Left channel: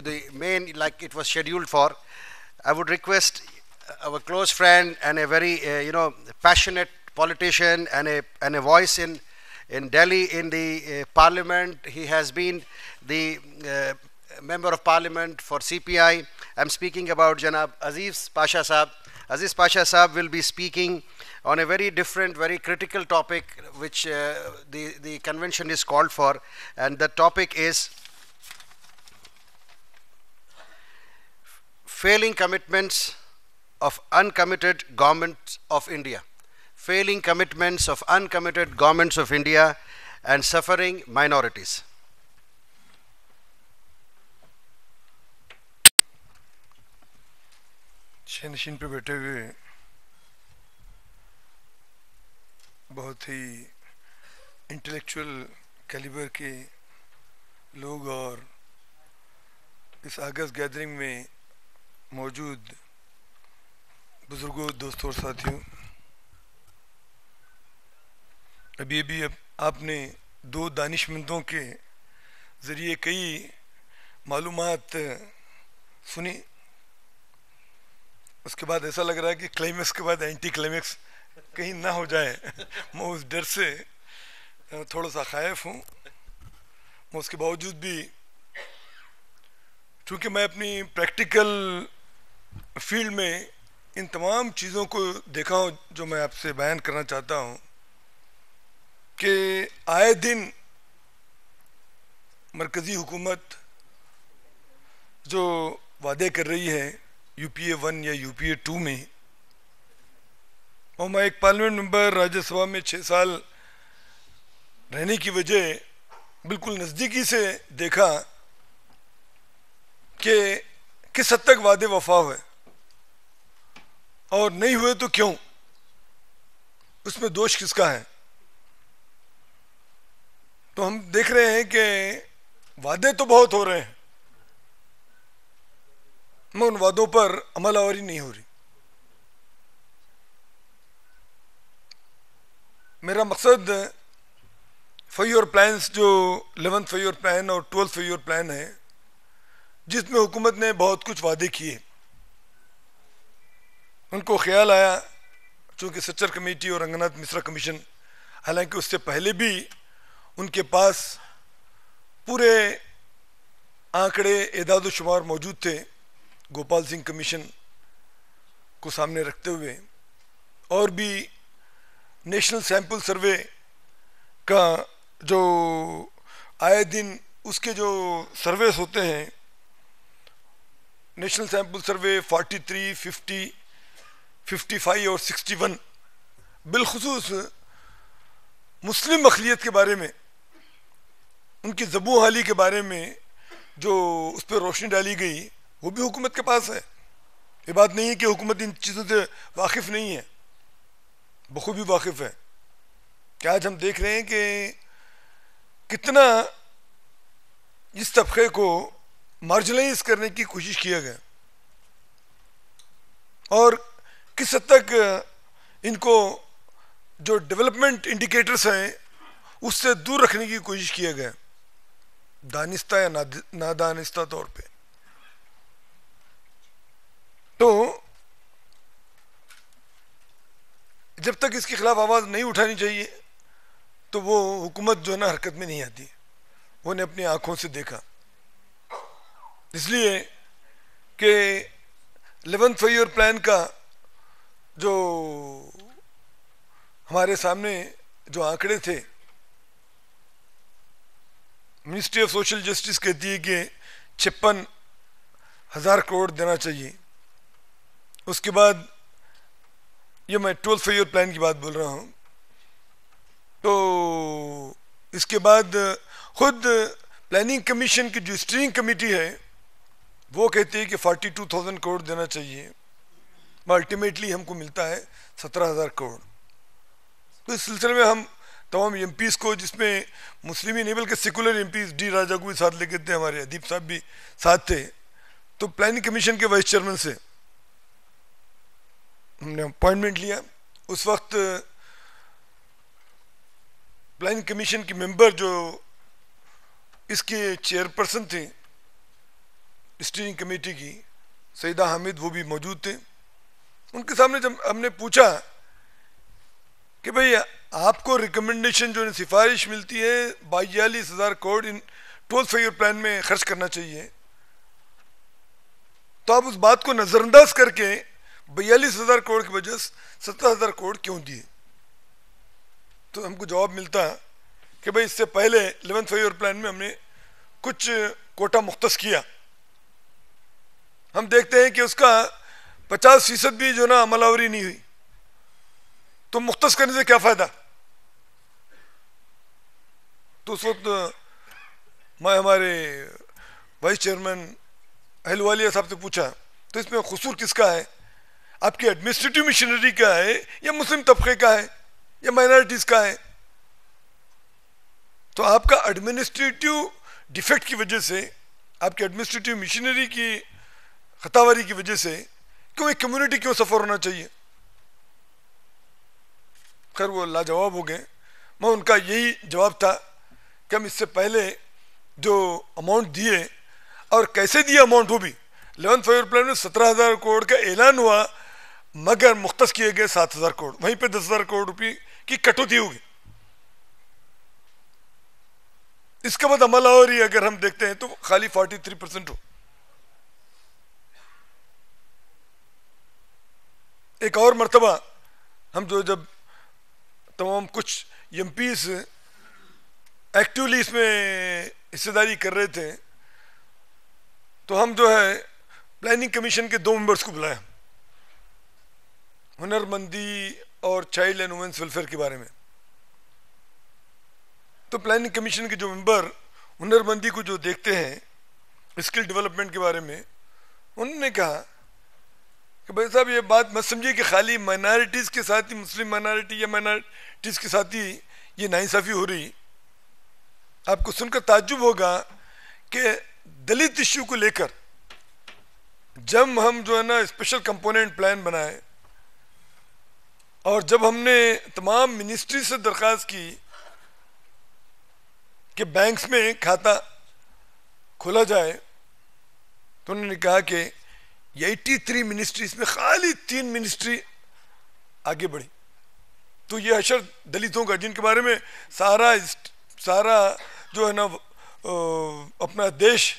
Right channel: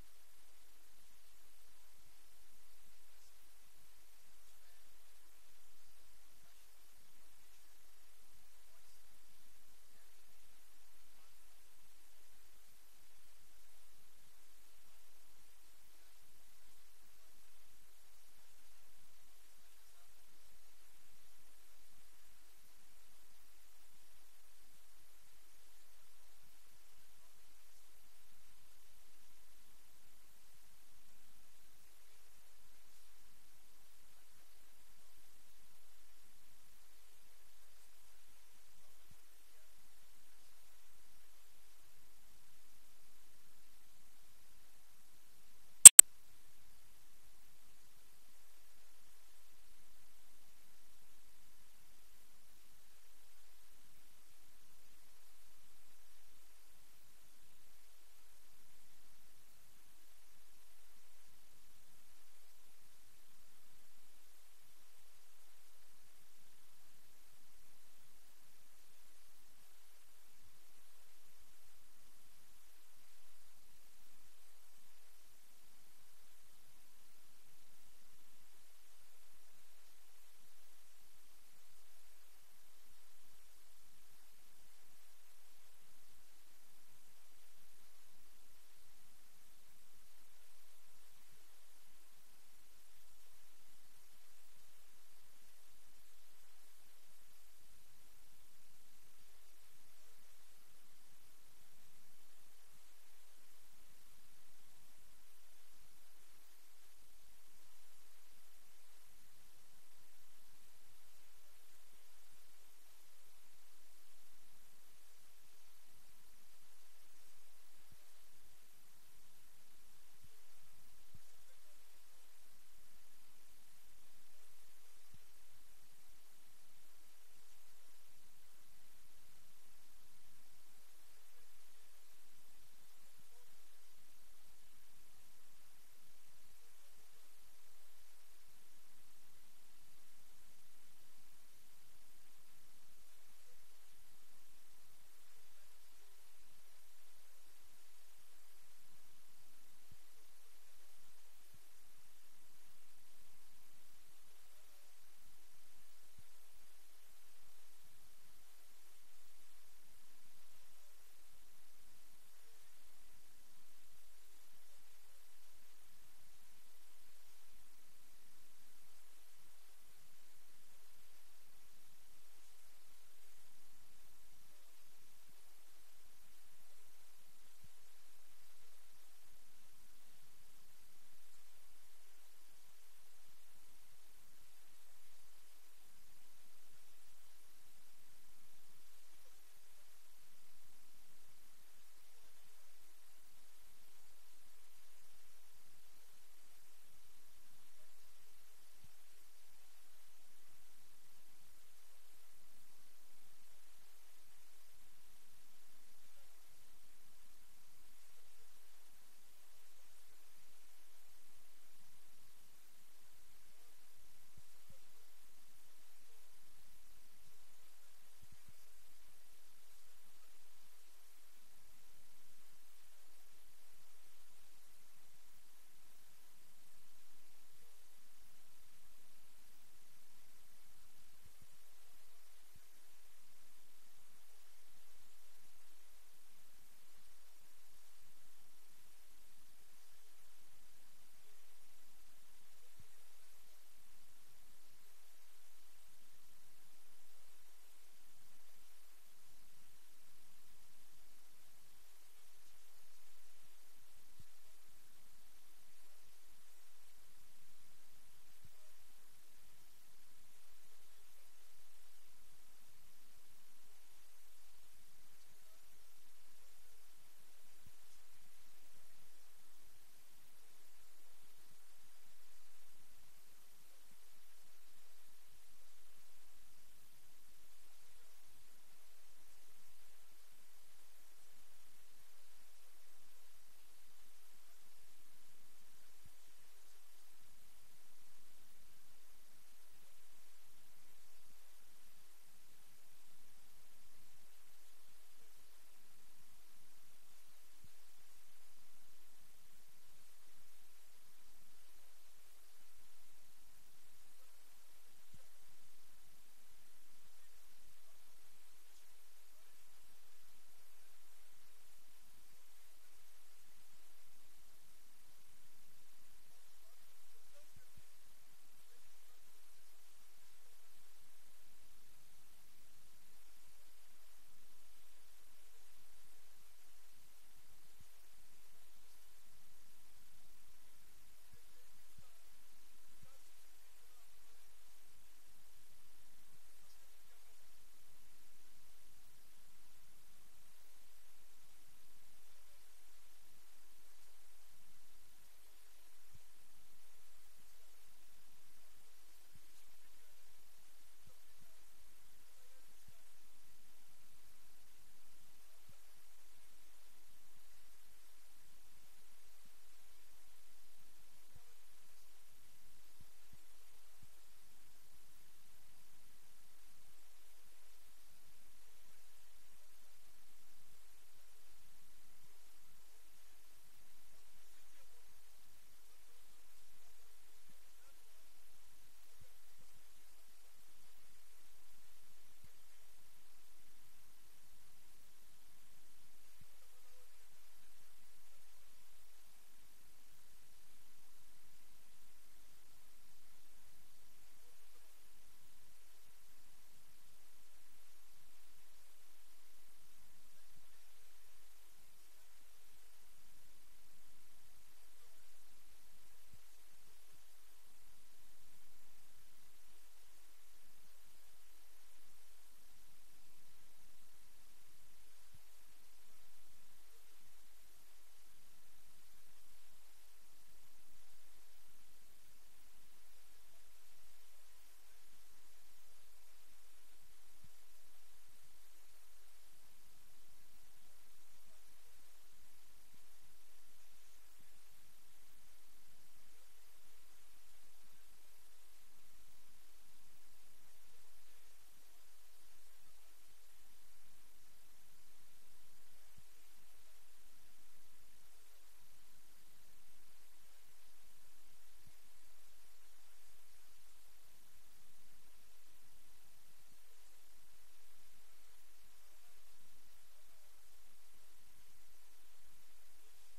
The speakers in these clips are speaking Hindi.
the main, like it was scheduled for. I would request our close friend and a very passionate politician and a voice in Delhi in the parliament. He has been the member of parliament for CPI. I'm speaking about Janab Aziz Pasha Saab. Aziz Pasha Saab will be speaking on a very different, very critical topic which the convention is called for, and the topic is failing commitments of uncommitted governments of India. Failing commitments of uncommitted governments of India and suffering minorities. नशीन पे बैठे हुए बहुत ही इंटेलेक्चुअल कैलिबर के लोग और इस अगस्त गैदरिंग में मौजूद बुजुर्गों, दोस्तों और साथियों, अभी आपने दो दानिशमंदों के ज़रिए कई मालूमात सुनी। उसके बाद ऐसा लग रहा है कि क्लाइमेक्स के बाद एंटी क्लाइमेक्स कहीं ना हो जाए। मैं उस डर से थोड़ा सा खायफ हूँ। मैं उसके बावजूद भी, चूँकि मैं अपनी प्रैक्टिकल फील्ड में इन तमाम चीज़ों को देखा हूँ जो मैं आपसे बयान करना चाहता हूँ कि आए दिन मरकज़ी हुकूमत जो वादे कर रही है UPA 1 या UPA 2 में, और मैं एक पार्लियामेंट मेंबर राज्यसभा में 6 साल रहने की वजह बिल्कुल नज़दीकी से देखा कि किस हद तक वादे वफा हुए और नहीं हुए तो क्यों, उसमें दोष किसका है। तो हम देख रहे हैं कि वादे तो बहुत हो रहे हैं, मैं उन वादों पर अमलावरी नहीं हो रही। मेरा मकसद 5 ईयर प्लान्स जो 11th 5 ईयर प्लान और 12th 5 ईयर प्लान है, जिसमें हुकूमत ने बहुत कुछ वादे किए, उनको ख्याल आया, चूँकि सच्चर कमेटी और रंगनाथ मिश्रा कमीशन, हालांकि उससे पहले भी उनके पास पूरे आंकड़े एदाद शुमार मौजूद थे, गोपाल सिंह कमीशन को सामने रखते हुए, और भी नेशनल सैंपल सर्वे का जो आए दिन उसके जो सर्वेस होते हैं, नेशनल सैंपल सर्वे 43, 50, 55 और 61, बिलखुसूस मुस्लिम अक़लियत के बारे में, उनकी ज़बू हाली के बारे में जो उस पर रोशनी डाली गई, वो भी हुकूमत के पास है। ये बात नहीं है कि हुकूमत इन चीज़ों से वाकिफ़ नहीं है, बखूबी वाकिफ़ है। कि आज हम देख रहे हैं कि कितना इस तबके को मार्जिनलाइज करने की कोशिश किया गया और किस हद तक इनको जो डेवलपमेंट इंडिकेटर्स हैं उससे दूर रखने की कोशिश किया गया, दानिस्ता या नादानिस्ता तौर पे। तो जब तक इसके खिलाफ आवाज़ नहीं उठानी चाहिए तो वो हुकूमत जो है ना हरकत में नहीं आती, वो ने अपनी आंखों से देखा। इसलिए कि 11th 5 ईयर प्लान का जो हमारे सामने जो आंकड़े थे, मिनिस्ट्री ऑफ सोशल जस्टिस कहती है कि 56,000 करोड़ देना चाहिए। उसके बाद ये मैं 12th 5 ईयर प्लान की बात बोल रहा हूँ। तो इसके बाद खुद प्लानिंग कमीशन की जो स्टीयरिंग कमेटी है वो कहती है कि 42,000 करोड़ देना चाहिए, अल्टीमेटली हमको मिलता है 17,000 करोड़। तो इस सिलसिले में हम तमाम MPs को, जिसमें मुस्लिम ही नहीं बल्कि सेकुलर MPs डी राजा को भी साथ लेके थे, हमारे अदीब साहब भी साथ थे, तो प्लानिंग कमीशन के वाइस चेयरमैन से हमने अपॉइंटमेंट लिया। उस वक्त प्लानिंग कमीशन की मेंबर जो इसके चेयरपर्सन थे स्टीयरिंग कमेटी की सईदा हामिद, वो भी मौजूद थे। उनके सामने जब हमने पूछा कि भाई आपको रिकमेंडेशन जो सिफारिश मिलती है 42,000 करोड़ इन 12 फाइव प्लान में खर्च करना चाहिए, तो आप उस बात को नजरअंदाज करके 42,000 करोड़ की बजाय 17,000 करोड़ क्यों दिए? तो हमको जवाब मिलता कि भाई इससे पहले 11th फाइव प्लान में हमने कुछ कोटा मुख्तस किया, हम देखते हैं कि उसका 50% भी जो ना अमलावरी नहीं हुई, तो मुख्तस करने से क्या फायदा? तो उस वक्त मैं हमारे वाइस चेयरमैन अहलवालिया साहब से पूछा, तो इसमें कसूर किसका है? आपकी एडमिनिस्ट्रेटिव मिशनरी का है या मुस्लिम तबके का है या माइनॉरिटीज का है? तो आपका एडमिनिस्ट्रेटिव डिफेक्ट की वजह से, आपकी एडमिनिस्ट्रेटिव मिशनरी की खतावारी की वजह से क्यों एक कम्युनिटी क्यों सफर होना चाहिए? खैर वो लाजवाब हो गए। मैं उनका यही जवाब था कि हम इससे पहले जो अमाउंट दिए और कैसे दिया अमाउंट, वो भी 11th फाइव प्लान में 17,000 करोड़ का ऐलान हुआ, मगर मुख्तस किए गए 7,000 करोड़, वहीं पे 10,000 करोड़ रुपए की कटौती होगी। इसके बाद अमलावरी अगर हम देखते हैं तो खाली 43% हो। एक और मर्तबा हम जो जब तमाम कुछ एमपीज एक्टिवली इसमें हिस्सेदारी कर रहे थे, तो हम जो है प्लानिंग कमीशन के 2 मेंबर्स को बुलाया, हुनरमंदी और चाइल्ड एंड वुमेन्स वेलफेयर के बारे में। तो प्लानिंग कमीशन के जो मेंबर हुनरमंदी को जो देखते हैं स्किल डेवलपमेंट के बारे में, उन्होंने कहा कि भाई साहब ये बात मत समझिए कि खाली माइनॉरिटीज़ के साथ ही, मुस्लिम माइनॉरिटी या माइनॉरिटीज़ के साथ ही ये नाइंसाफ़ी हो रही। आपको सुनकर ताज्जुब होगा कि दलित इश्यू को लेकर जब हम जो है ना स्पेशल कंपोनेंट प्लान बनाए और जब हमने तमाम मिनिस्ट्री से दरख्वास्त की कि बैंक्स में खाता खोला जाए, तो उन्होंने कहा कि 83 मिनिस्ट्रीज में खाली 3 मिनिस्ट्री आगे बढ़ी। तो ये अशर दलितों का, जिनके बारे में सारा जो है ना अपना देश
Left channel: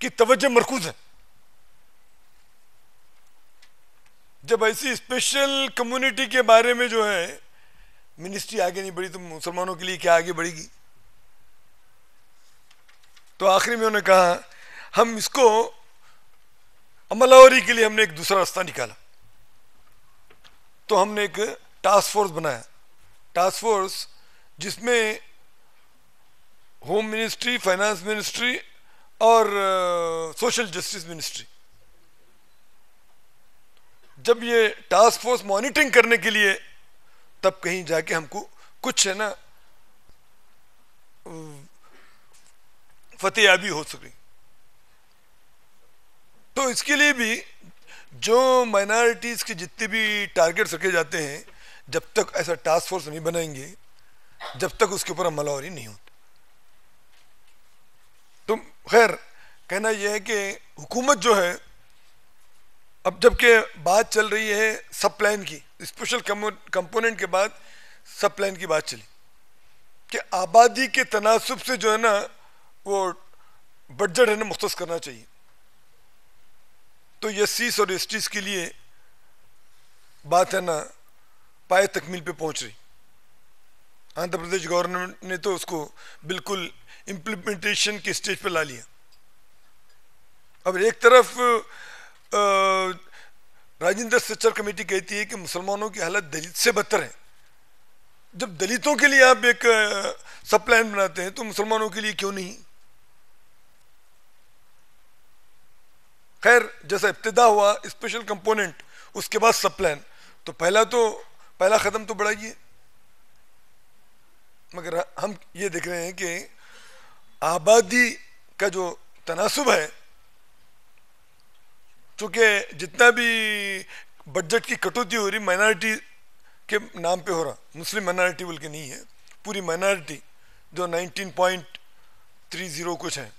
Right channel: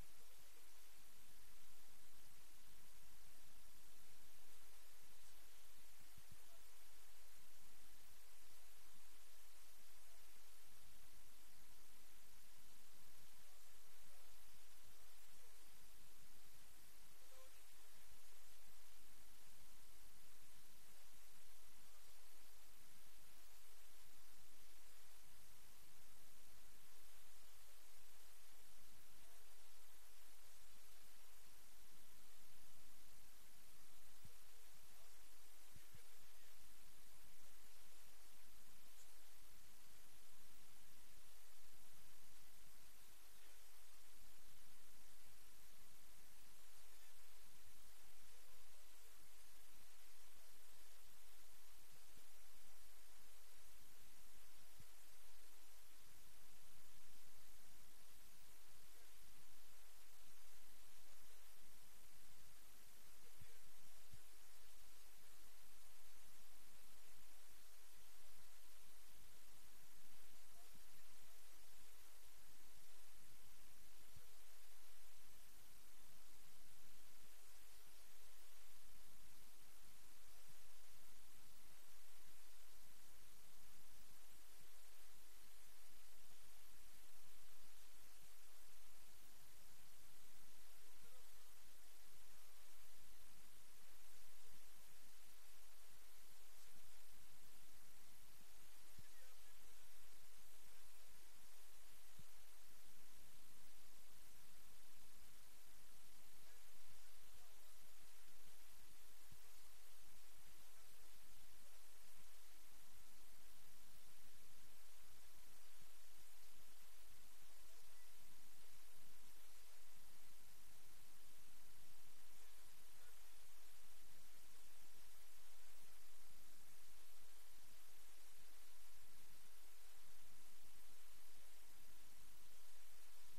की तवज्जो मरकूज है, जब ऐसी स्पेशल कम्युनिटी के बारे में जो है मिनिस्ट्री आगे नहीं बढ़ी, तो मुसलमानों के लिए क्या आगे बढ़ेगी? तो आखिरी में उन्होंने कहा हम इसको अमलावरी के लिए हमने एक दूसरा रास्ता निकाला। तो हमने एक टास्क फोर्स बनाया, टास्क फोर्स जिसमें होम मिनिस्ट्री, फाइनेंस मिनिस्ट्री और सोशल जस्टिस मिनिस्ट्री। जब ये टास्क फोर्स मॉनिटरिंग करने के लिए, तब कहीं जाके हमको कुछ है ना फतेहाबी हो सके। तो इसके लिए भी जो माइनॉरिटीज के जितने भी टारगेट्स रखे जाते हैं, जब तक ऐसा टास्क फोर्स नहीं बनाएंगे, जब तक उसके ऊपर अमलावरी नहीं होती। तो खैर कहना यह है कि हुकूमत जो है, अब जबकि बात चल रही है सब प्लान की, स्पेशल कंपोनेंट के बाद सब प्लान की बात चली कि आबादी के तनासुब से जो है ना वो बजट है ना मुख्तस करना चाहिए। तो एससीज और एसटीज के लिए बात है ना पाए तकमील पे पहुंच रही। आंध्र प्रदेश गवर्नमेंट ने तो उसको बिल्कुल इम्प्लीमेंटेशन के स्टेज पे ला लिया। अब एक तरफ राजेंद्र सच्चर कमेटी कहती है कि मुसलमानों की हालत दलित से बदतर है। जब दलितों के लिए आप एक सब प्लान बनाते हैं तो मुसलमानों के लिए क्यों नहीं? खैर जैसा इब्तिदा हुआ स्पेशल कंपोनेंट, उसके बाद सब प्लान, तो पहला कदम तो बढ़ाइए। मगर हम ये देख रहे हैं कि आबादी का जो तनासुब है, चूंकि जितना भी बजट की कटौती हो रही माइनॉरिटी के नाम पे हो रहा, मुस्लिम माइनॉरिटी बोल के नहीं है, पूरी माइनॉरिटी जो 19.30 कुछ है,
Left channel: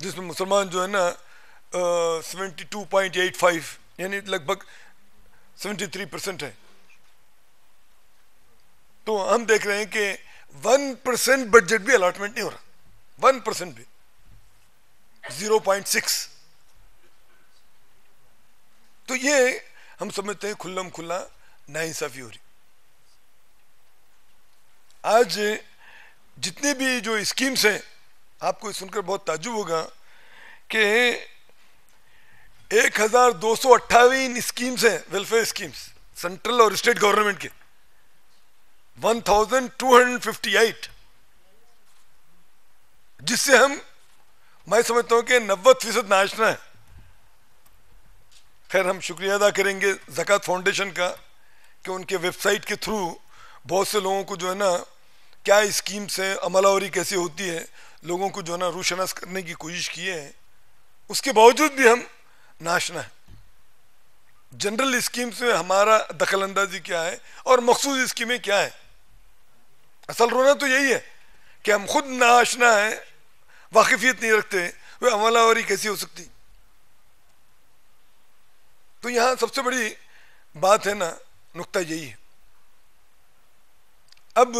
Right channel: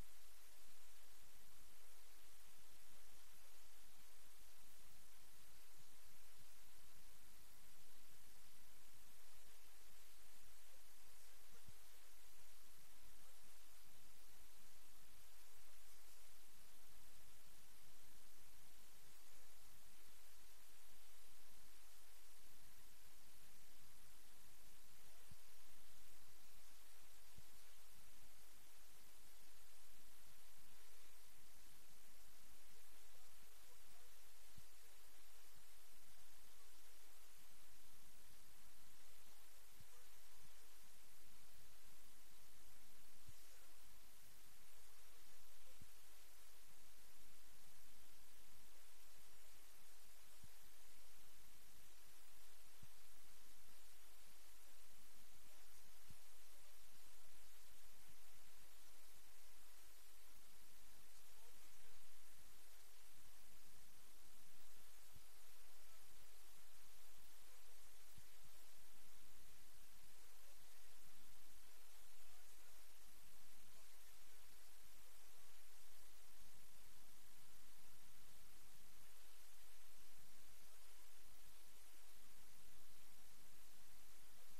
जिसमें मुसलमान जो है ना 72.85 यानी लगभग 73% है। तो हम देख रहे हैं कि 1% बजट भी अलॉटमेंट नहीं हो रहा, 1% भी, 0.6। तो ये हम समझते हैं खुल्लम खुल्ला नाइंसाफी हो रही। आज जितने भी जो स्कीम्स हैं, आपको सुनकर बहुत ताज्जुब होगा कि 1258 स्कीम्स हैं, वेलफेयर स्कीम्स, सेंट्रल और स्टेट गवर्नमेंट के 1258, जिससे मैं समझता हूं कि 90% नाचना है। खैर, हम शुक्रिया अदा करेंगे ज़कात फाउंडेशन का कि उनके वेबसाइट के थ्रू बहुत से लोगों को जो है ना क्या स्कीम्स है, अमलावरी कैसे होती है, लोगों को जो है ना रूशनास करने की कोशिश किए हैं। उसके बावजूद भी हम नाचना है। जनरल स्कीम्स में हमारा दखल अंदाजी क्या है और मखसूस स्कीमें क्या है। असल रोना तो यही है कि हम खुद नाचना है, वाकिफियत नहीं रखते, वे अमलावरी कैसी हो सकती। तो यहां सबसे बड़ी बात है ना, नुक्ता यही है। अब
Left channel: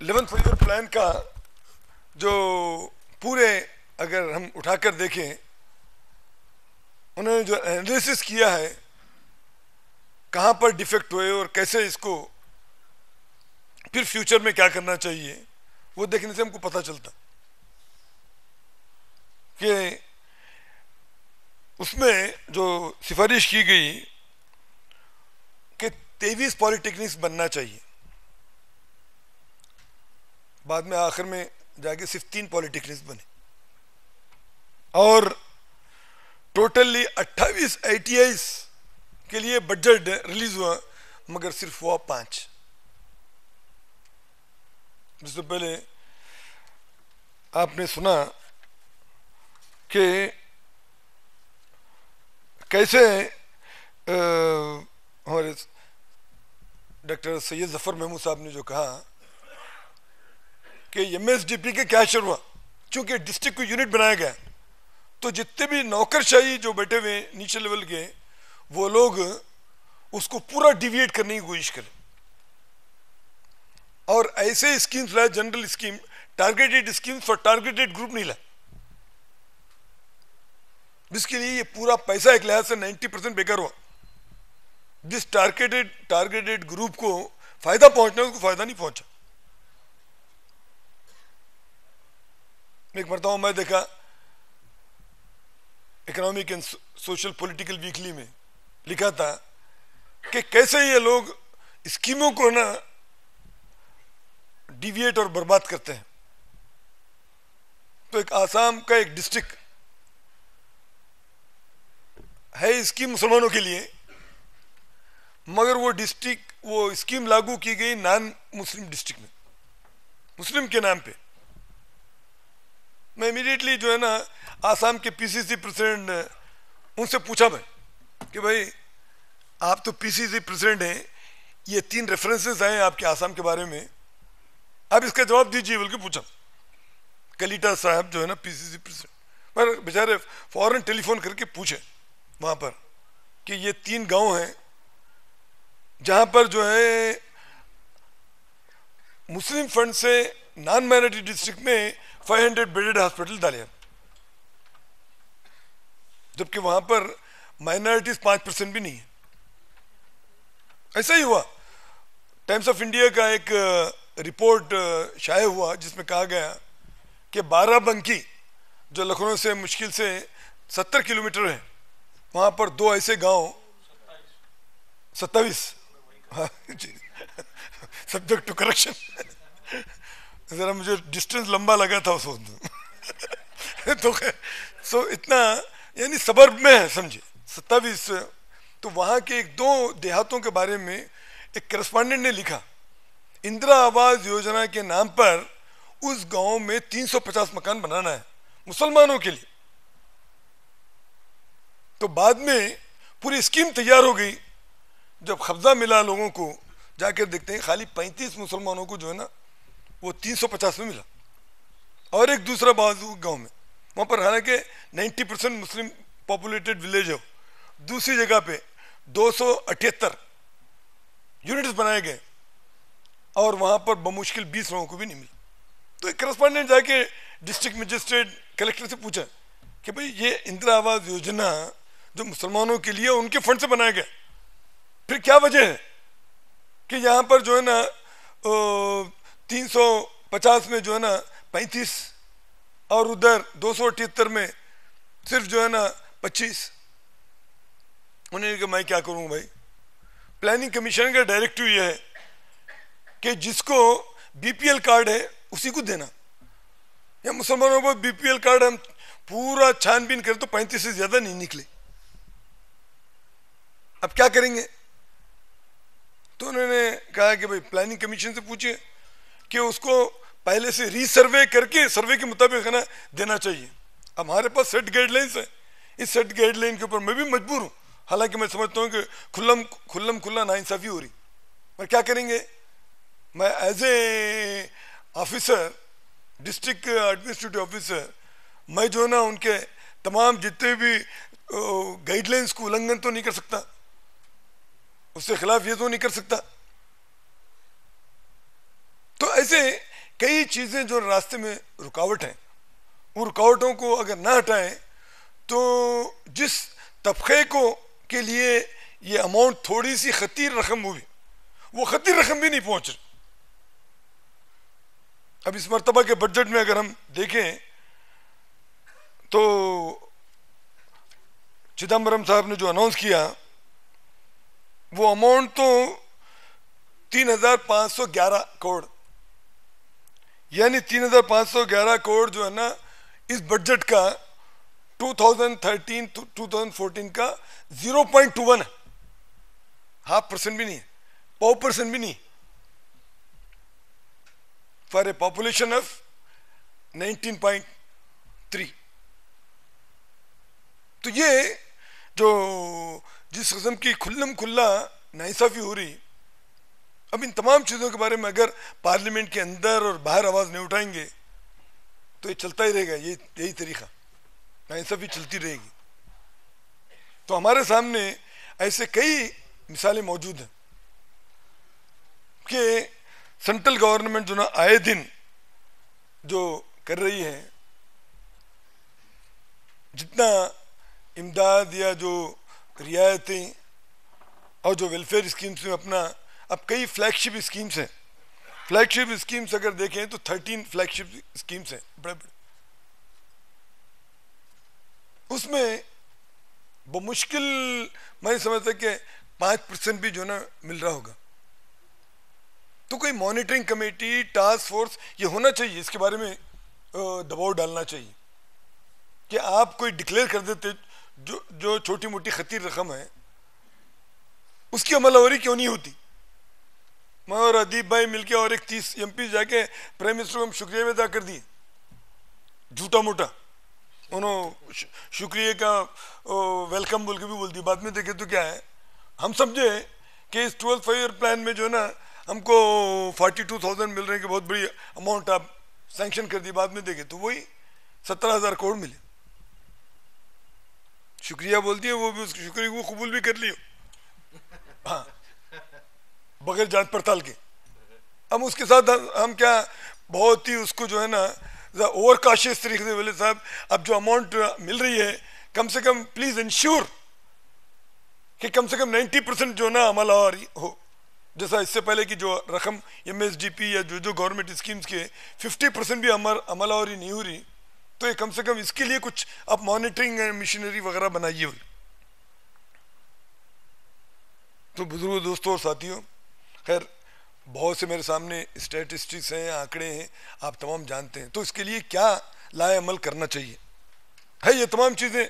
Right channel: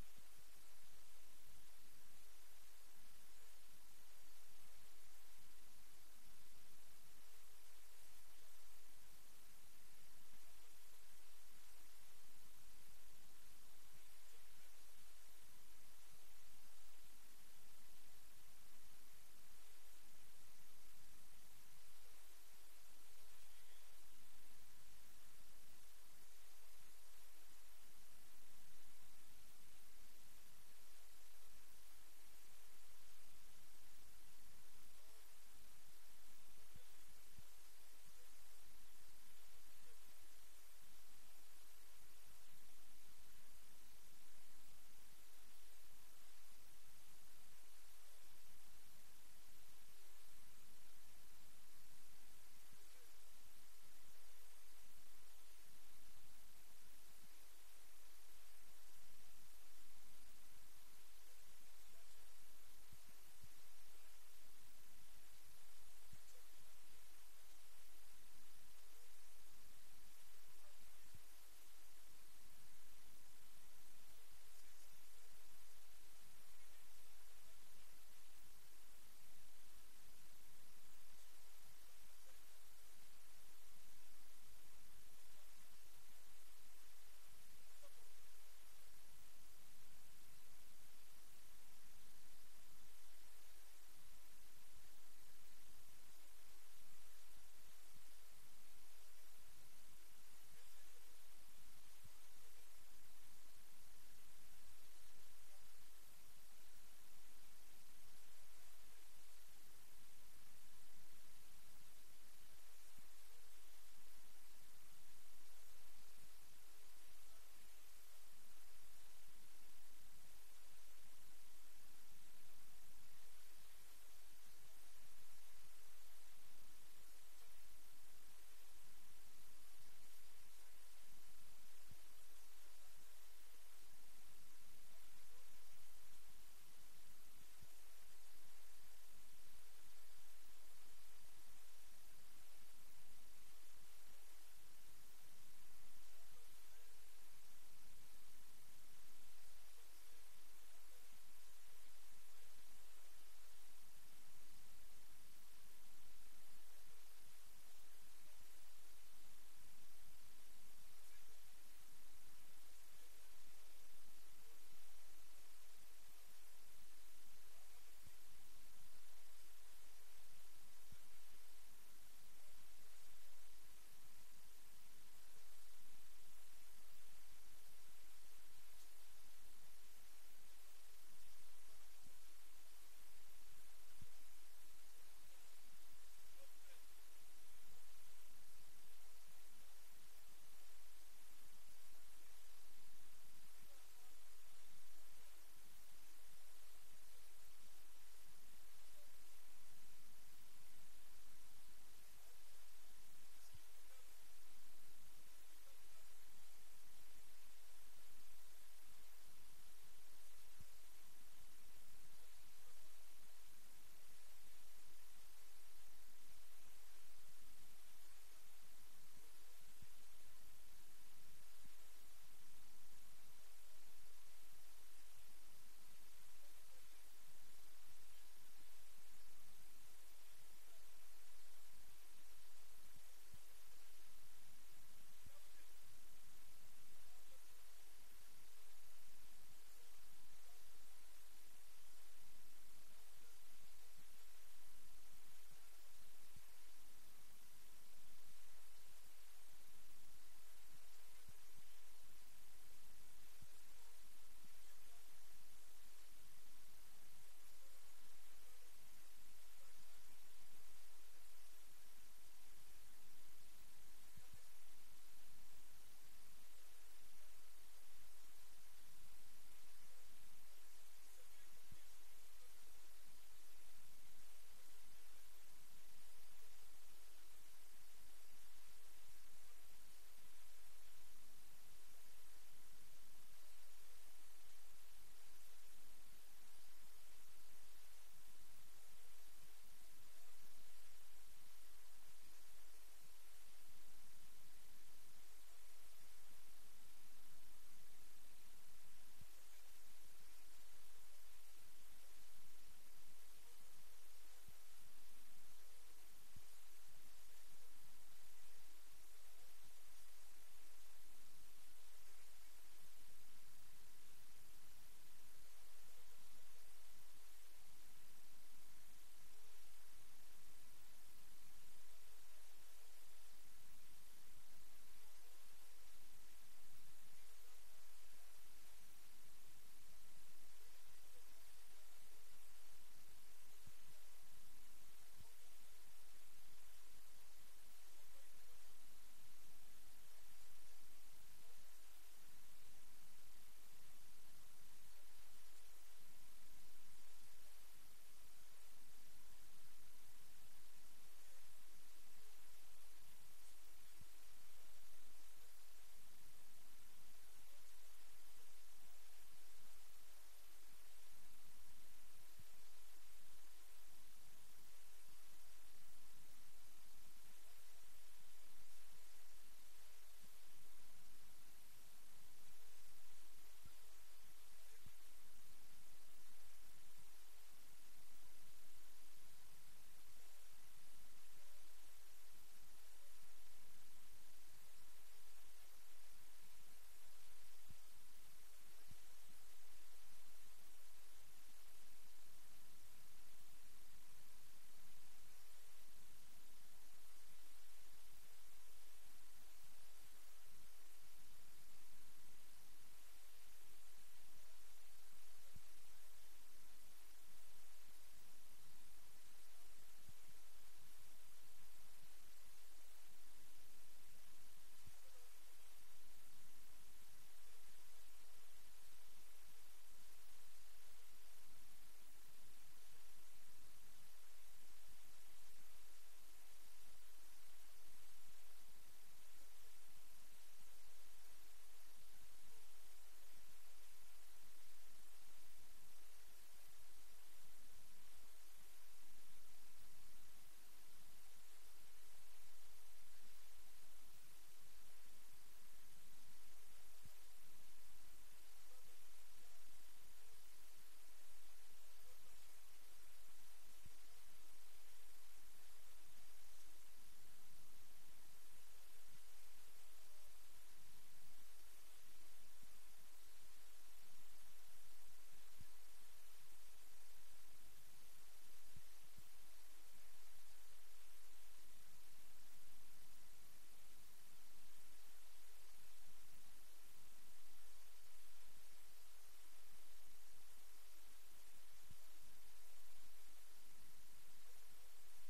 11th फाइव ईयर प्लान का जो पूरे अगर हम उठाकर देखें, उन्होंने जो एनालिसिस किया है कहां पर डिफेक्ट हुए और कैसे इसको फिर फ्यूचर में क्या करना चाहिए, वो देखने से हमको पता चलता कि उसमें जो सिफारिश की गई कि 23 पॉलिटेक्निक्स बनना चाहिए, बाद में आखिर में जाके सिर्फ 3 पॉलिटेक्निक्स बने और टोटली 28 ITIs के लिए बजट रिलीज हुआ, मगर सिर्फ हुआ 5। जिससे पहले आपने सुना कि कैसे हमारे डॉक्टर सैयद जफर महमूद साहब ने जो कहा कि MSDP के क्या शुरू हुआ, चूंकि डिस्ट्रिक्ट को यूनिट बनाया गया तो जितने भी नौकरशाही जो बैठे हुए नीचे लेवल के, वो लोग उसको पूरा डिविएट करने की कोशिश करें और ऐसे स्कीम्स लाए, general scheme, targeted schemes for targeted group नहीं लाए, जिसके लिए ये पूरा पैसा एक लिहाज से 90% बेकार हुआ। जिस टारगेटेड ग्रुप को फायदा पहुंचना उसको फायदा नहीं पहुंचा। एक मरतबा मैं देखा economic and social political weekly में लिखा था कि कैसे ये लोग स्कीमों को ना डिविएट और बर्बाद करते हैं। तो एक आसाम का एक डिस्ट्रिक्ट है स्कीम मुसलमानों के लिए, मगर वो स्कीम लागू की गई नॉन मुस्लिम डिस्ट्रिक्ट में, मुस्लिम के नाम पे। मैं इमीडिएटली जो है ना आसाम के PCC प्रेसिडेंट, उनसे पूछा मैं कि भाई आप तो PCC प्रेसिडेंट हैं, ये 3 रेफरेंसेस आए आपके आसाम के बारे में, आप इसका जवाब दीजिए बोल के पूछा। कलीटा साहब जो है ना PCC प्रेसिडेंट, पर बेचारे फौरन टेलीफोन करके पूछे वहां पर कि ये 3 गांव हैं जहां पर जो है मुस्लिम फंड से नॉन माइनॉरिटी डिस्ट्रिक्ट में 500 बेडेड हॉस्पिटल डाले, जबकि वहां पर माइनॉरिटीज 5% भी नहीं है। ऐसा ही हुआ। टाइम्स ऑफ इंडिया का एक रिपोर्ट शाये हुआ जिसमें कहा गया कि बाराबंकी जो लखनऊ से मुश्किल से 70 किलोमीटर है, वहां पर 2 ऐसे गांव, 27 सब्जेक्ट टू करेक्शन, जरा मुझे डिस्टेंस लंबा लगा था उस वक्त तो इतना यानी सबर्ब में है, समझे, 27। तो वहां के 1-2 देहातों के बारे में एक करस्पॉन्डेंट ने लिखा, इंदिरा आवास योजना के नाम पर उस गांव में 350 मकान बनाना है मुसलमानों के लिए। तो बाद में पूरी स्कीम तैयार हो गई, जब कब्जा मिला लोगों को, जाकर देखते हैं खाली 35 मुसलमानों को जो है ना वो 350 में मिला, और एक दूसरा बाजू गांव में वहाँ पर हालांकि 90% मुस्लिम पॉपुलेटेड विलेज है। दूसरी जगह पे 278 यूनिट्स बनाए गए और वहाँ पर बमुश्किल 20 लोगों को भी नहीं मिला। तो एक करस्पॉन्डेंट जाके डिस्ट्रिक्ट मजिस्ट्रेट कलेक्टर से पूछा कि भाई ये इंदिरा आवास योजना जो मुसलमानों के लिए उनके फंड से बनाया गया, फिर क्या वजह है कि यहाँ पर जो है ना 350 में जो है ना 35 और उधर 278 में सिर्फ जो है ना 25। उन्होंने कहा मैं क्या करूँ भाई, प्लानिंग कमीशन का डायरेक्टिव ये है कि जिसको बीपीएल कार्ड है उसी को देना। या मुसलमानों को बीपीएल कार्ड हम पूरा छानबीन करें तो 35 से ज्यादा नहीं निकले, अब क्या करेंगे? तो उन्होंने कहा कि भाई प्लानिंग कमीशन से पूछिए कि उसको पहले से रीसर्वे करके सर्वे के मुताबिक है ना देना चाहिए। अब हमारे पास सेट गाइडलाइंस है, इस सेट गाइडलाइन के ऊपर मैं भी मजबूर हूँ, हालांकि मैं समझता हूँ कि खुल्ला नाइंसाफी हो रही, पर क्या करेंगे? मैं as a officer, district administrative officer, मैं जो है ना उनके तमाम जितने भी गाइडलाइंस को उल्लंघन तो नहीं कर सकता, उसके खिलाफ ये तो नहीं कर सकता। तो ऐसे कई चीजें जो रास्ते में रुकावट हैं, उन रुकावटों को अगर ना हटाएं तो जिस तबके को के लिए ये अमाउंट थोड़ी सी खतीर रकम हुई, वो खतीर रकम भी नहीं पहुंच रही। अब इस मर्तबा के बजट में अगर हम देखें तो चिदम्बरम साहब ने जो अनाउंस किया वो अमाउंट तो 3,511 करोड़, यानी 3,511 करोड़ जो है ना इस बजट का 2013 to 2014 का 0.21 है, 0.5% भी नहीं है, 0.5% भी नहीं, फॉर ए पॉपुलेशन ऑफ 19.3। तो ये जो जिस किस्म की खुल्लम खुल्ला नाइंसाफी हो रही, अब इन तमाम चीज़ों के बारे में अगर पार्लियामेंट के अंदर और बाहर आवाज़ नहीं उठाएंगे तो ये चलता ही रहेगा, यही तरीका, नाइंसाफी चलती रहेगी। तो हमारे सामने ऐसे कई मिसालें मौजूद हैं कि सेंट्रल गवर्नमेंट जो ना आए दिन जो कर रही है, जितना इमदाद या जो रियायतें और जो वेलफेयर स्कीम्स में अपना, अब कई फ्लैगशिप स्कीम्स हैं, फ्लैगशिप स्कीम्स अगर देखें तो 13 फ्लैगशिप स्कीम्स हैं बड़े बड़े, उसमें बमुश्किल मैं समझता कि 5% भी जो ना मिल रहा होगा। तो कोई मॉनिटरिंग कमेटी, टास्क फोर्स ये होना चाहिए, इसके बारे में दबाव डालना चाहिए कि आप कोई डिक्लेयर कर देते जो छोटी मोटी खतीर रकम है उसकी अमलावरी क्यों नहीं होती। मैं और अदीब भाई मिलके और एक 30 MP जाके प्राइम मिनिस्टर को हम शुक्रिया भी अदा कर दिए, झूठा मोटा, उन्होंने शुक्रिया का वेलकम बोल के भी बोल दिया। बाद में देखे तो क्या है, हम समझे कि इस 12 5 प्लान में जो है ना हमको 42,000 मिल रहे हैं कि बहुत बड़ी अमाउंट आप सैंक्शन कर दी, बाद में देखे तो वही 17,000 करोड़ मिले। शुक्रिया बोल दिया, वो भी उसके शुक्रिया को कबूल भी कर लियो, हाँ, बगैर जांच पड़ताल के। अब उसके साथ हम क्या बहुत ही उसको जो है ना ओवर काशियस तरीके से बोले, साहब अब जो अमाउंट मिल रही है कम से कम प्लीज इंश्योर कि कम से कम 90% जो ना अमल हो, जैसा इससे पहले की जो रकम MSDP या जो गवर्नमेंट स्कीम्स के 50% भी अमलावरी नहीं हो रही, तो ये कम से कम इसके लिए कुछ आप मॉनिटरिंग मिशनरी वगैरह बनाइए। तो बुजुर्गों, दोस्तों और साथियों, खैर बहुत से मेरे सामने स्टैटिस्टिक्स हैं, आंकड़े हैं, आप तमाम जानते हैं। तो इसके लिए क्या लाए अमल करना चाहिए है, ये तमाम चीज़ें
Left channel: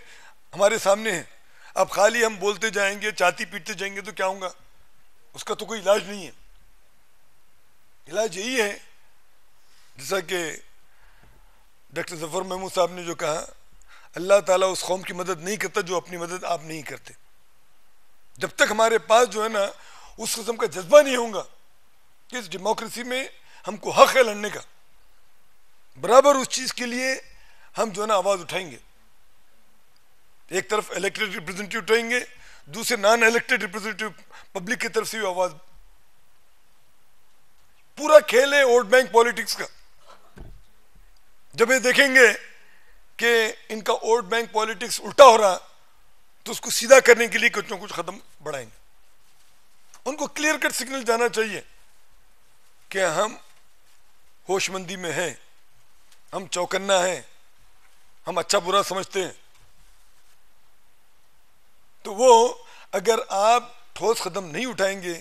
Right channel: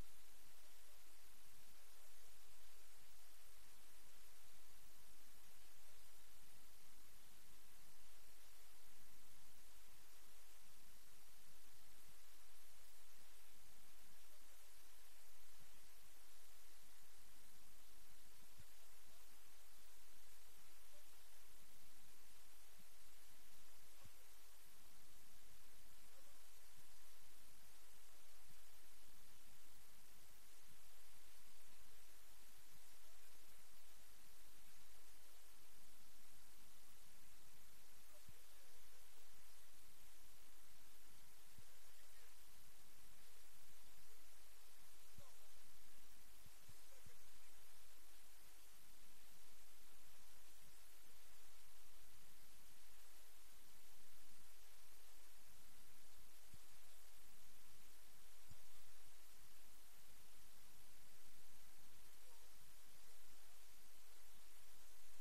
हमारे सामने हैं। अब खाली हम बोलते जाएंगे, छाती पीटते जाएंगे तो क्या होगा, उसका तो कोई इलाज नहीं है। इलाज यही है जैसा कि डॉक्टर जफर महमूद साहब ने जो कहा, अल्लाह ताला उस कौम की मदद नहीं करता जो अपनी मदद आप नहीं करते। जब तक हमारे पास जो है ना उस किस्म का जज्बा नहीं होगा कि इस डेमोक्रेसी में हमको हक है लड़ने का, बराबर उस चीज़ के लिए हम जो है ना आवाज उठाएंगे। एक तरफ इलेक्टेड रिप्रेजेंटेटिव उठाएंगे, दूसरे नॉन इलेक्टेड रिप्रेजेंटेटिव पब्लिक की तरफ से भी आवाज। पूरा खेल है वोट बैंक पॉलिटिक्स का। जब ये देखेंगे कि इनका वोट बैंक पॉलिटिक्स उल्टा हो रहा, तो उसको सीधा करने के लिए कुछ ना कुछ कदम बढ़ाएंगे। उनको क्लियर कट सिग्नल जाना चाहिए कि हम होशमंदी में हैं, हम चौकन्ना हैं, हम अच्छा बुरा समझते हैं। तो वो अगर आप ठोस कदम नहीं उठाएंगे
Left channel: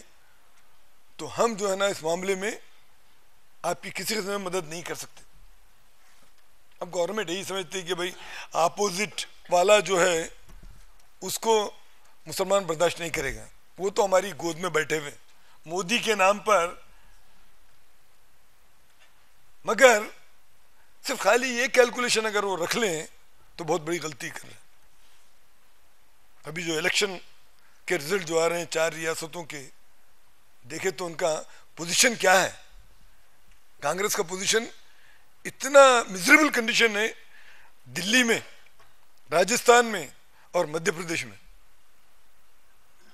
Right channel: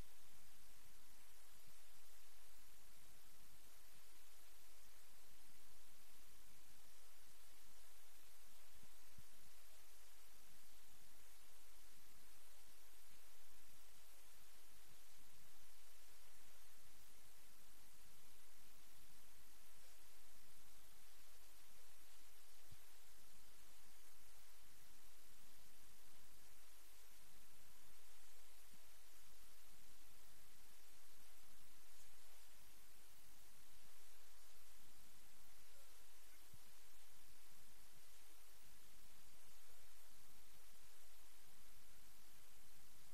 तो हम जो है ना इस मामले में आपकी किसी किस्म में मदद नहीं कर सकते। अब गवर्नमेंट यही समझती है कि भाई अपोजिट वाला जो है उसको मुसलमान बर्दाश्त नहीं करेगा, वो तो हमारी गोद में बैठे हुए मोदी के नाम पर। मगर सिर्फ खाली ये कैलकुलेशन अगर वो रख लें तो बहुत बड़ी गलती कर रहे हैं। अभी जो इलेक्शन के रिजल्ट जो आ रहे हैं 4 रियासतों के, देखे तो उनका पोजीशन क्या है। कांग्रेस का पोजीशन इतना मिजरेबल कंडीशन है दिल्ली में, राजस्थान में और मध्य प्रदेश में।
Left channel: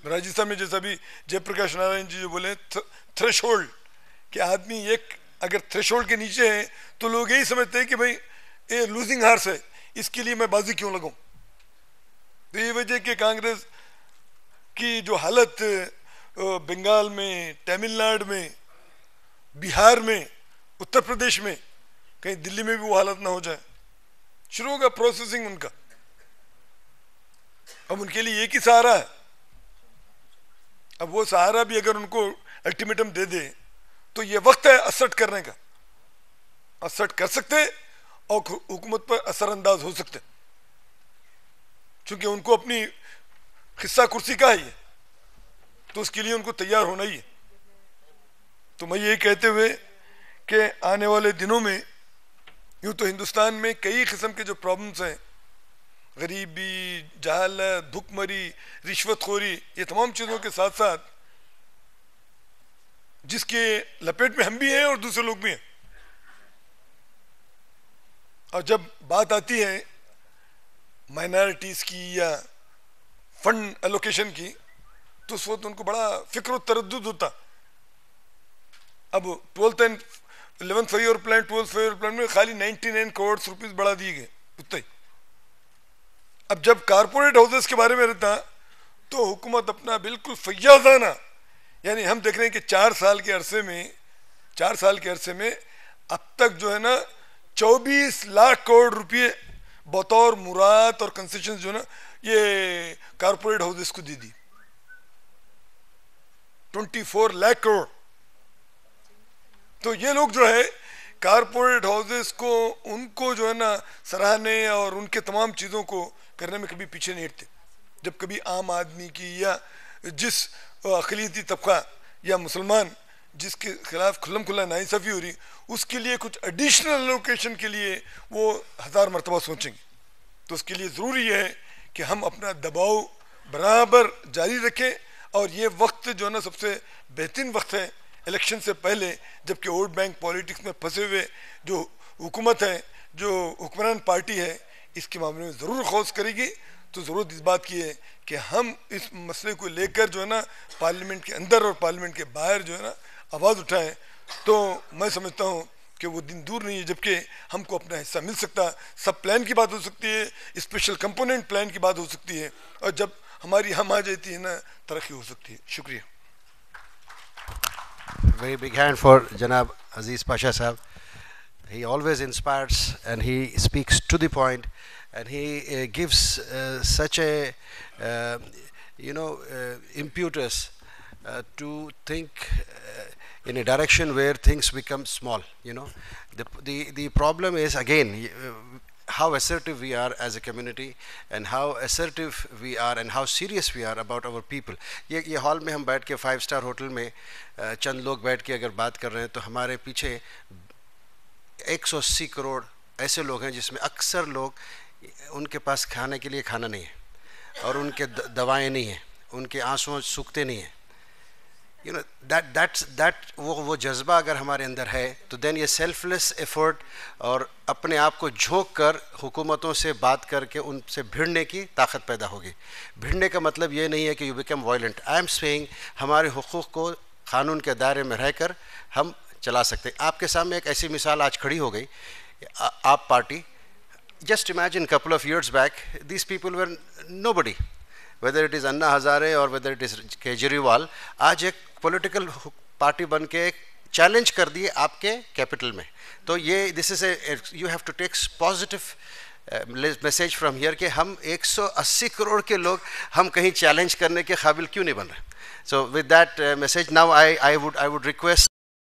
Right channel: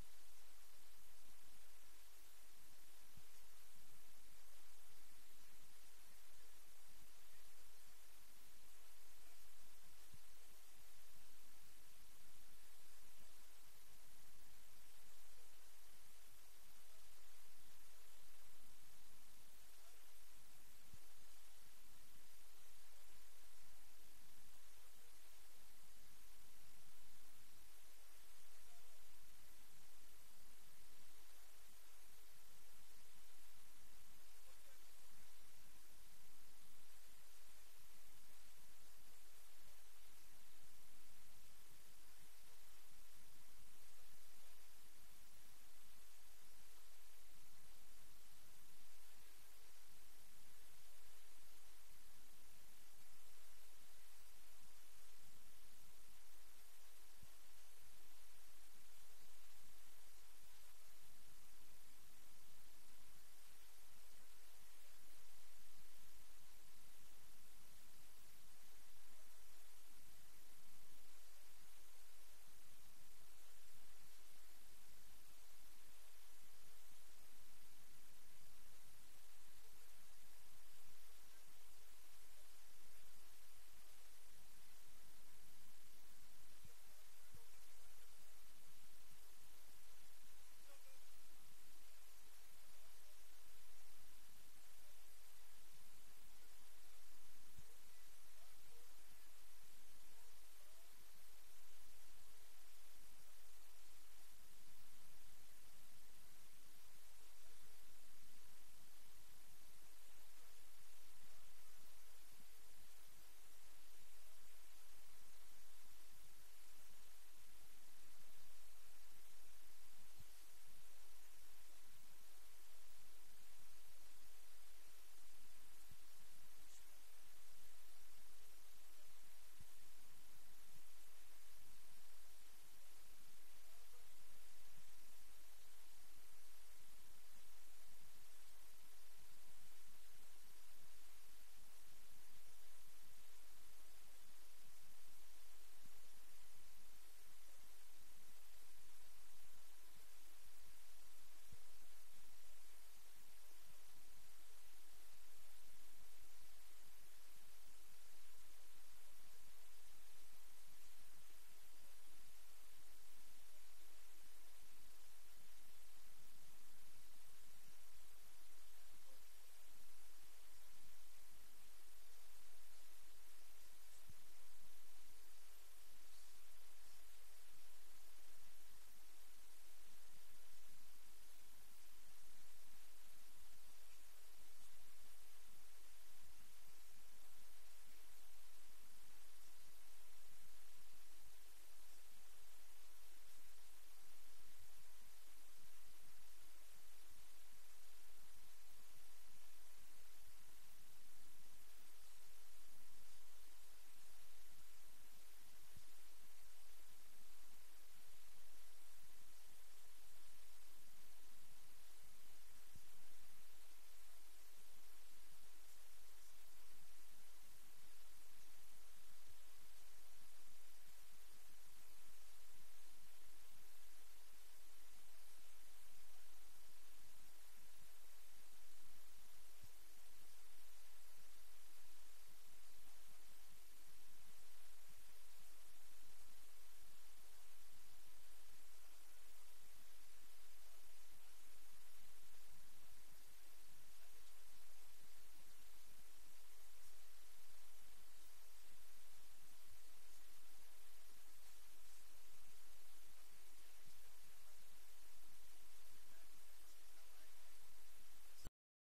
राजस्थान में जैसा भी जयप्रकाश नारायण जी जो बोले थ्रेशोल्ड, कि आदमी एक अगर थ्रेशोल्ड के नीचे है तो लोग यही समझते हैं कि भाई ये लूजिंग हार्स है, इसके लिए मैं बाजी क्यों लगाऊं। तो ये वजह कि कांग्रेस की जो हालत बंगाल में, तमिलनाडु में, बिहार में, उत्तर प्रदेश में, कहीं दिल्ली में भी वो हालत ना हो जाए। शुरू होगा प्रोसेसिंग उनका। अब उनके लिए एक ही सहारा है। अब वो सहारा भी अगर उनको अल्टीमेटम दे दे तो ये वक्त है असर्ट करने का। असर्ट कर सकते और हुकूमत पर असरअंदाज हो सकते, क्योंकि उनको अपनी हिस्सा कुर्सी का है, तो उसके लिए उनको तैयार होना ही है। तो मैं ये कहते हुए कि आने वाले दिनों में यूं तो हिंदुस्तान में कई किस्म के जो प्रॉब्लम्स हैं, गरीबी, जहालत, भुखमरी, रिश्वतखोरी, ये तमाम चीज़ों के साथ साथ जिसके लपेट में हम भी हैं और दूसरे लोग भी हैं। और जब बात आती है माइनॉरिटीज़ की या फंड एलोकेशन की, तो उस वक्त उनको बड़ा फिक्र और तरद्दुद होता। अब 12th and 11th five plan, 12th five plan में खाली 99 करोड़ रुपीस बढ़ा दिए गए उतना ही। अब जब कारपोरेट हाउसेस के बारे में रहता तो हुकूमत अपना बिल्कुल फैयाजाना, यानी हम देख रहे हैं कि 4 साल के अरसे में अब तक जो है ना 24 लाख करोड़ रुपए बतौर मुराद और कंसेशन जो है ना ये कारपोरेट हाउसेस को दे दी। 24 लाख करोड़। तो ये लोग जो है कारपोरेट हाउसेस को, उनको जो है ना सराहने और उनके तमाम चीज़ों को करने में कभी पीछे नहीं हटते। जब कभी आम आदमी की या जिस अक़लियती तबका या मुसलमान जिसके खिलाफ खुल्लम खुल्ला नाइंसाफ़ी हो रही, उसके लिए कुछ एडिशनल लोकेशन के लिए वो 1000 मरतबा सोचेंगे। तो उसके लिए ज़रूरी है कि हम अपना दबाव बराबर जारी रखें। और ये वक्त जो है ना सबसे बेहतरीन वक्त है इलेक्शन से पहले, जबकि वोट बैंक पॉलिटिक्स में फंसे हुए जो हुकूमत है, जो हुक्मरान पार्टी है, इसके मामले में ज़रूर खौस करेगी। तो ज़रूरत इस बात की है कि हम इस मसले को लेकर जो है ना पार्लियामेंट के अंदर और पार्लियामेंट के बाहर जो है ना आवाज़ उठाएं। तो मैं समझता हूँ कि वो दिन दूर नहीं है जबकि हमको अपना हिस्सा मिल सकता। सब प्लान की बात हो सकती है, स्पेशल कंपोनेंट प्लान की बात हो सकती है, और जब हमारी हम आ जाती है ना तरक्की हो सकती है। शुक्रिया। Very big hand for Janab Aziz Pasha Sahab. He always inspires and he speaks to the point, and he gives such a impetus to think in a direction where things become small. The problem is again how assertive we are as a community, and how assertive we are and how serious we are about our people. ये हॉल में हम बैठ के 5-star होटल में चंद लोग बैठ के अगर बात कर रहे हैं, तो हमारे पीछे 180 करोड़ ऐसे लोग हैं जिसमें अक्सर लोग, उनके पास खाने के लिए खाना नहीं है और उनके दवाएं नहीं हैं, उनके आंसू सूखते नहीं हैं। you know that वो जज्बा अगर हमारे अंदर है तो देन ये सेल्फलेस एफर्ट और अपने आप को झोंक कर हुकूमतों से बात करके उनसे भिड़ने की ताकत पैदा होगी। भिड़ने का मतलब ये नहीं है कि you become violent. I am saying हमारे हुकूक को कानून के दायरे में रहकर हम चला सकते हैं। आपके सामने एक ऐसी मिसाल आज खड़ी हो गई, आप party, just imagine couple of years back these people were nobody, whether it is Anna Hazare or whether it is Kejriwal, आज एक political party बन के challenge कर दिए आपके capital में। तो ये this is a you have to take positive message from here कि हम 180 करोड़ के लोग हम कहीं challenge करने के काबिल क्यों नहीं बन रहे। So with that message now I would request